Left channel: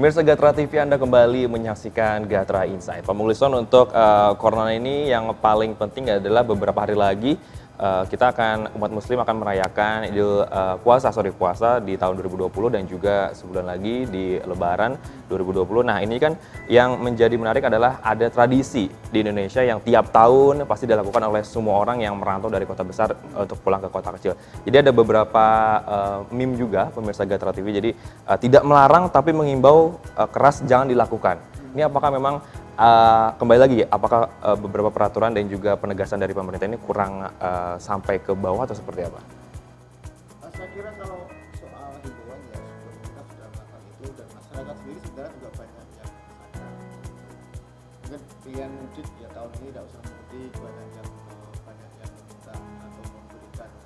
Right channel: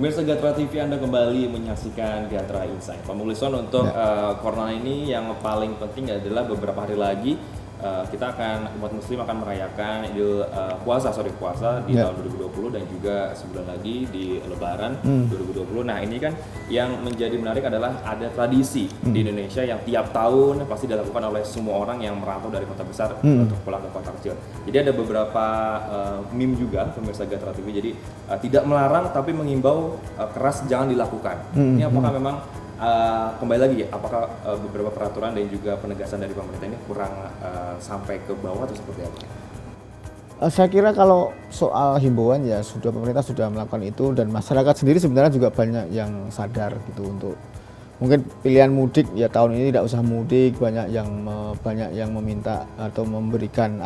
Pemirsa Gatra TV, Anda kembali menyaksikan Gatra Insight. Pak Mulison, untuk corona ini yang paling penting adalah beberapa hari lagi kita umat muslim akan merayakan puasa di tahun 2020 dan juga sebulan lagi di Lebaran 2020. Nah, ini kan yang menjadi menarik adalah ada tradisi di Indonesia yang tiap tahun pasti dilakukan oleh semua orang yang merantau dari kota besar untuk pulang ke kota kecil. Jadi ada beberapa meme juga pemirsa Gatra TV. Jadi tidak melarang tapi mengimbau keras jangan dilakukan. Ini apakah memang kembali lagi, apakah beberapa peraturan dan juga penegasan dari pemerintah ini kurang sampai ke bawah atau seperti apa? Saya kira kalau soal himbauan ya pemerintah sudah melakukan itu, dan masyarakat sendiri sebenarnya juga banyak yang sadar gitu untuk mungkin pilihan mudik ya tahun ini tidak usah mudik, banyak yang meminta atau memberikan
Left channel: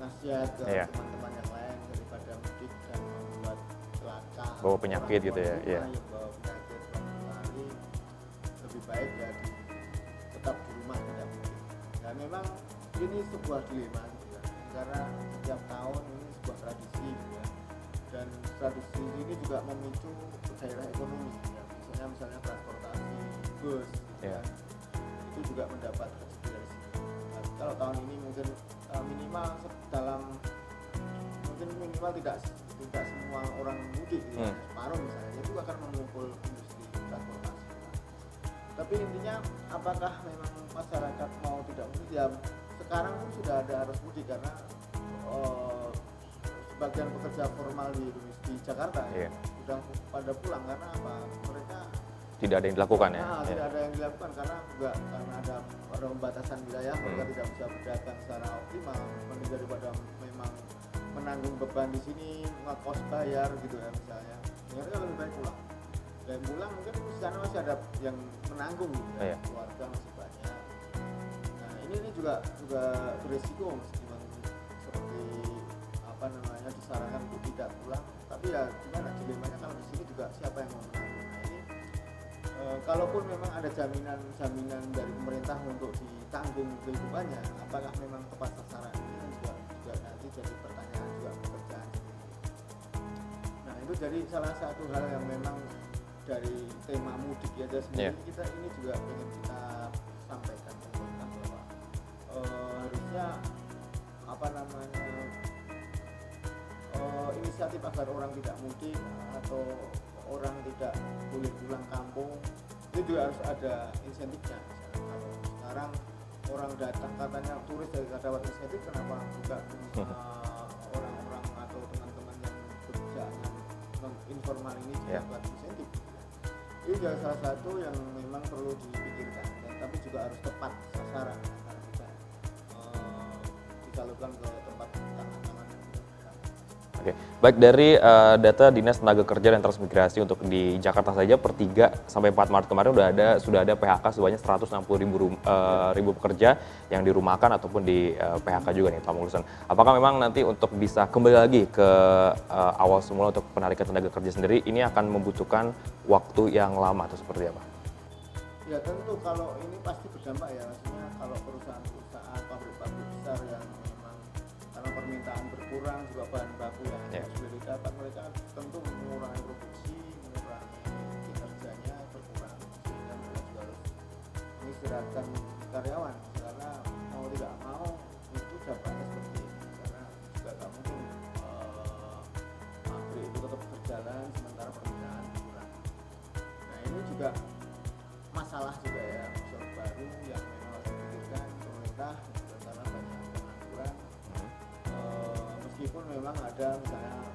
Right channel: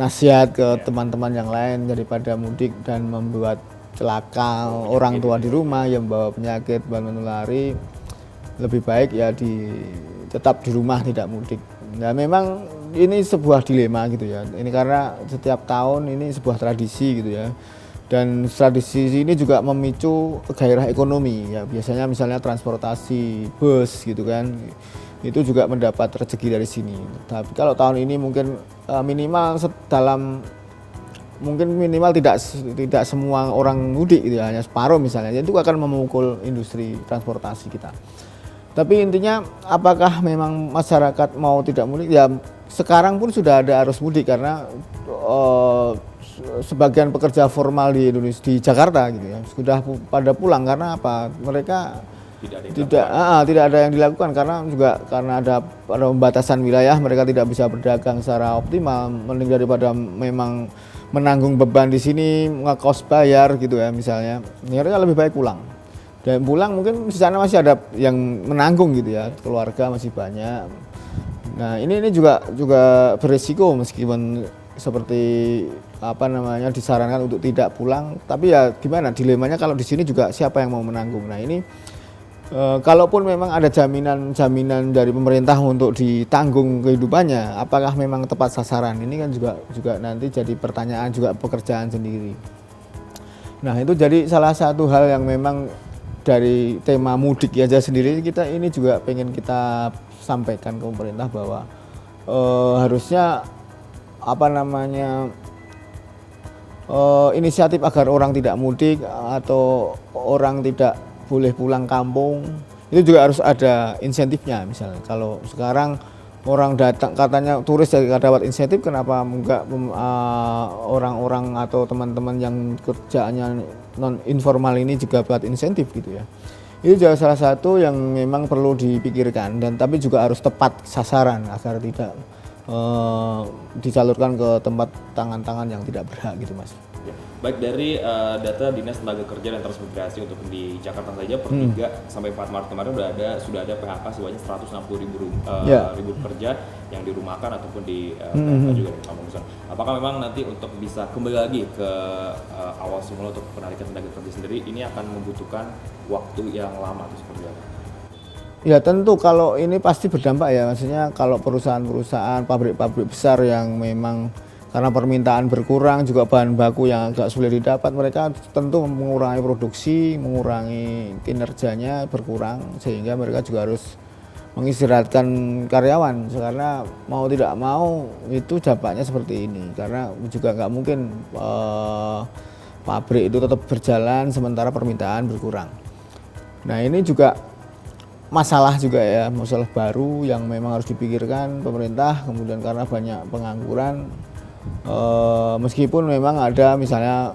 nasihat ke teman-teman yang lain daripada mudik dan membuat celaka orang tua di rumah yang membawa penyakit menulari, lebih baik ya tetap di rumah, tidak mudik. Nah, memang ini sebuah dilema gitu ya. Ini karena setiap tahun ini sebuah tradisi gitu ya. Dan tradisi ini juga memicu gairah ekonomi ya. Biasanya misalnya transportasi bus gitu kan. Itu juga mendapat rezeki dari sini. Tapi kalau tahun ini mungkin minimal tidak semua orang mudik gitu ya, hanya separuh misalnya. Itu akan memukul industri transportasi kita. Tapi intinya apakah memang masyarakat mau tidak mudik? Ya sekarang pun sudah ada arus mudik karena sebagian pekerja formal di Indonesia, di Jakarta gitu ya, sudah pada pulang karena apa? Mereka tidak ada yang dilakukan karena ada pembatasan wilayah, mereka tidak bisa berdagang secara optimal. Mending daripada memang menanggung beban di sini, ngekos bayar gitu ya misalnya, mereka lebih baik pulang. Dan pulang mungkin di sana masih ada yang menanggung gitu ya, keluarga masih banyak. Nah ini juga berisiko meskipun seperti disarankan untuk tidak pulang, tapi ya gimana dilemanya kalau di sini juga siapa yang mau menanggung. Nah ini kalaupun memang ada jaminan dari pemerintah untuk ditanggung kehidupannya, apakah memang tepat sasaran? Ini kan juga nanti jadi pertanyaan, juga pekerjaan sendiri. Nah itu jadi salah satu hal yang memang dari tema mudik aja sendiri kita ini juga pengen kita sampaikan ke pemerintah bahwa harusnya inisiatif agar orang tidak mudik atau orang tidak boleh pulang kampung itu juga harus ada insentifnya. Misalnya kalau sekarang orang datang katanya turis jadi dapat insentif, kenapa enggak orang-orang atau teman-teman yang kerjaannya non informal ini juga buat insentif gitu ya. Itu juga salah satu yang memang perlu dipikirkan, dan tapi juga harus tepat sasaran agar tidak dicalurkan ke tempat tangan-tangan yang tidak berhak gitu Mas. Oke. Baik, dari data Dinas Tenaga Kerja dan Transmigrasi untuk di Jakarta saja per 3 sampai 4 Maret kemarin sudah ada PHK sebanyak 160.000 pekerja yang dirumahkan ataupun di PHK juga nih Pak Mulison. Apakah memang nanti untuk bisa kembali lagi ke awal semula untuk penarikan tenaga kerja sendiri ini akan membutuhkan waktu yang lama atau seperti apa? Ya tentu kalau ini pasti berdampak ya, maksudnya kalau perusahaan-perusahaan, pabrik-pabrik besar yang memang karena permintaan berkurang, juga bahan baku yang agak sulit didapat, mereka tentu mengurangi produksi, mengurangi kinerjanya berkurang, sehingga mereka juga harus mengistirahatkan karyawan, karena mau tidak mau itu dampaknya seperti ini, karena juga nggak mungkin pabrik itu tetap berjalan sementara permintaan berkurang. Nah ini juga masalah baru yang memang harus dipikirkan pemerintah. Kemudian karena banyak pengangguran, meskipun memang ada misalnya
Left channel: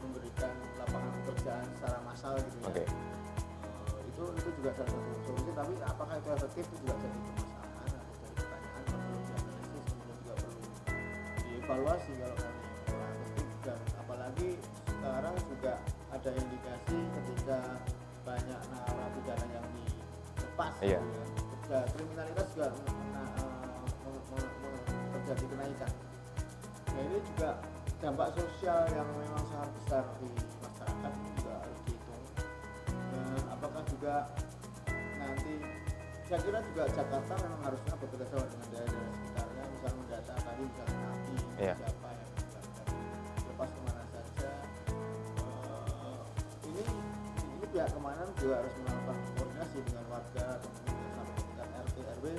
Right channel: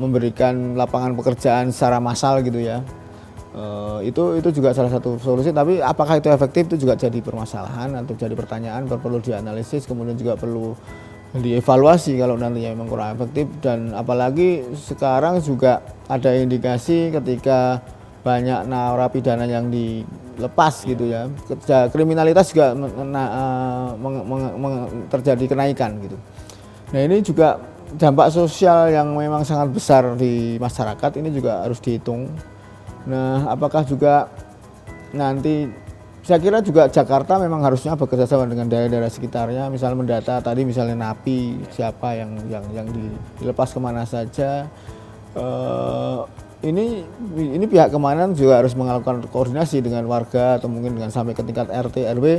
memberikan lapangan pekerjaan secara massal gitu ya, itu juga salah satu solusi, tapi apakah itu efektif itu juga jadi permasalahan atau jadi pertanyaan, perlu dianalisis, kemudian juga perlu dievaluasi kalau nantinya memang kurang efektif. Dan apalagi sekarang juga ada indikasi ketika banyak narapidana yang dilepas gitu ya, kriminalitas juga terjadi kenaikan gitu. Nah ini juga dampak sosial yang memang sangat besar di masyarakat, ini juga harus dihitung. Nah apakah juga nanti saya kira juga Jakarta memang harusnya bekerjasama dengan daerah-daerah sekitarnya, misalnya mendata tadi misalnya napi, siapa yang dilepas kemana saja. Ini pihak keamanan juga harus melakukan koordinasi dengan warga atau mungkin dengan sampai ke tingkat RT RW,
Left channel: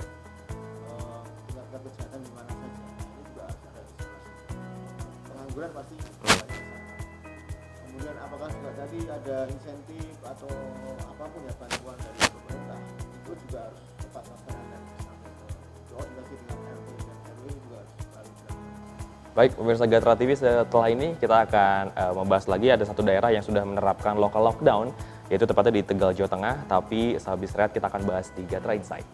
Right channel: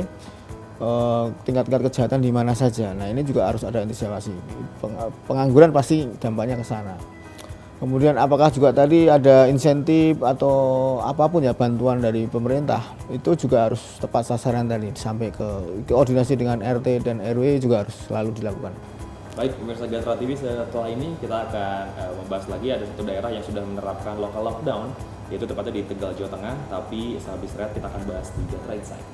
tingkat-tingkat kejahatan di mana saja. Nah ini juga harus ada antisipasi. Pengangguran pasti dampaknya ke sana. Kemudian apakah juga tadi ada insentif atau apapun ya bantuan dari pemerintah, itu juga harus tepat sasaran tadi, sampai ke koordinasi dengan RT dan RW juga harus selalu dilakukan. Baik, pemirsa Gatra TV, setelah ini kita akan membahas lagi ada satu daerah yang sudah menerapkan local lockdown, yaitu tepatnya di Tegal, Jawa Tengah, tapi sehabis rehat kita akan bahas di Gatra Insight.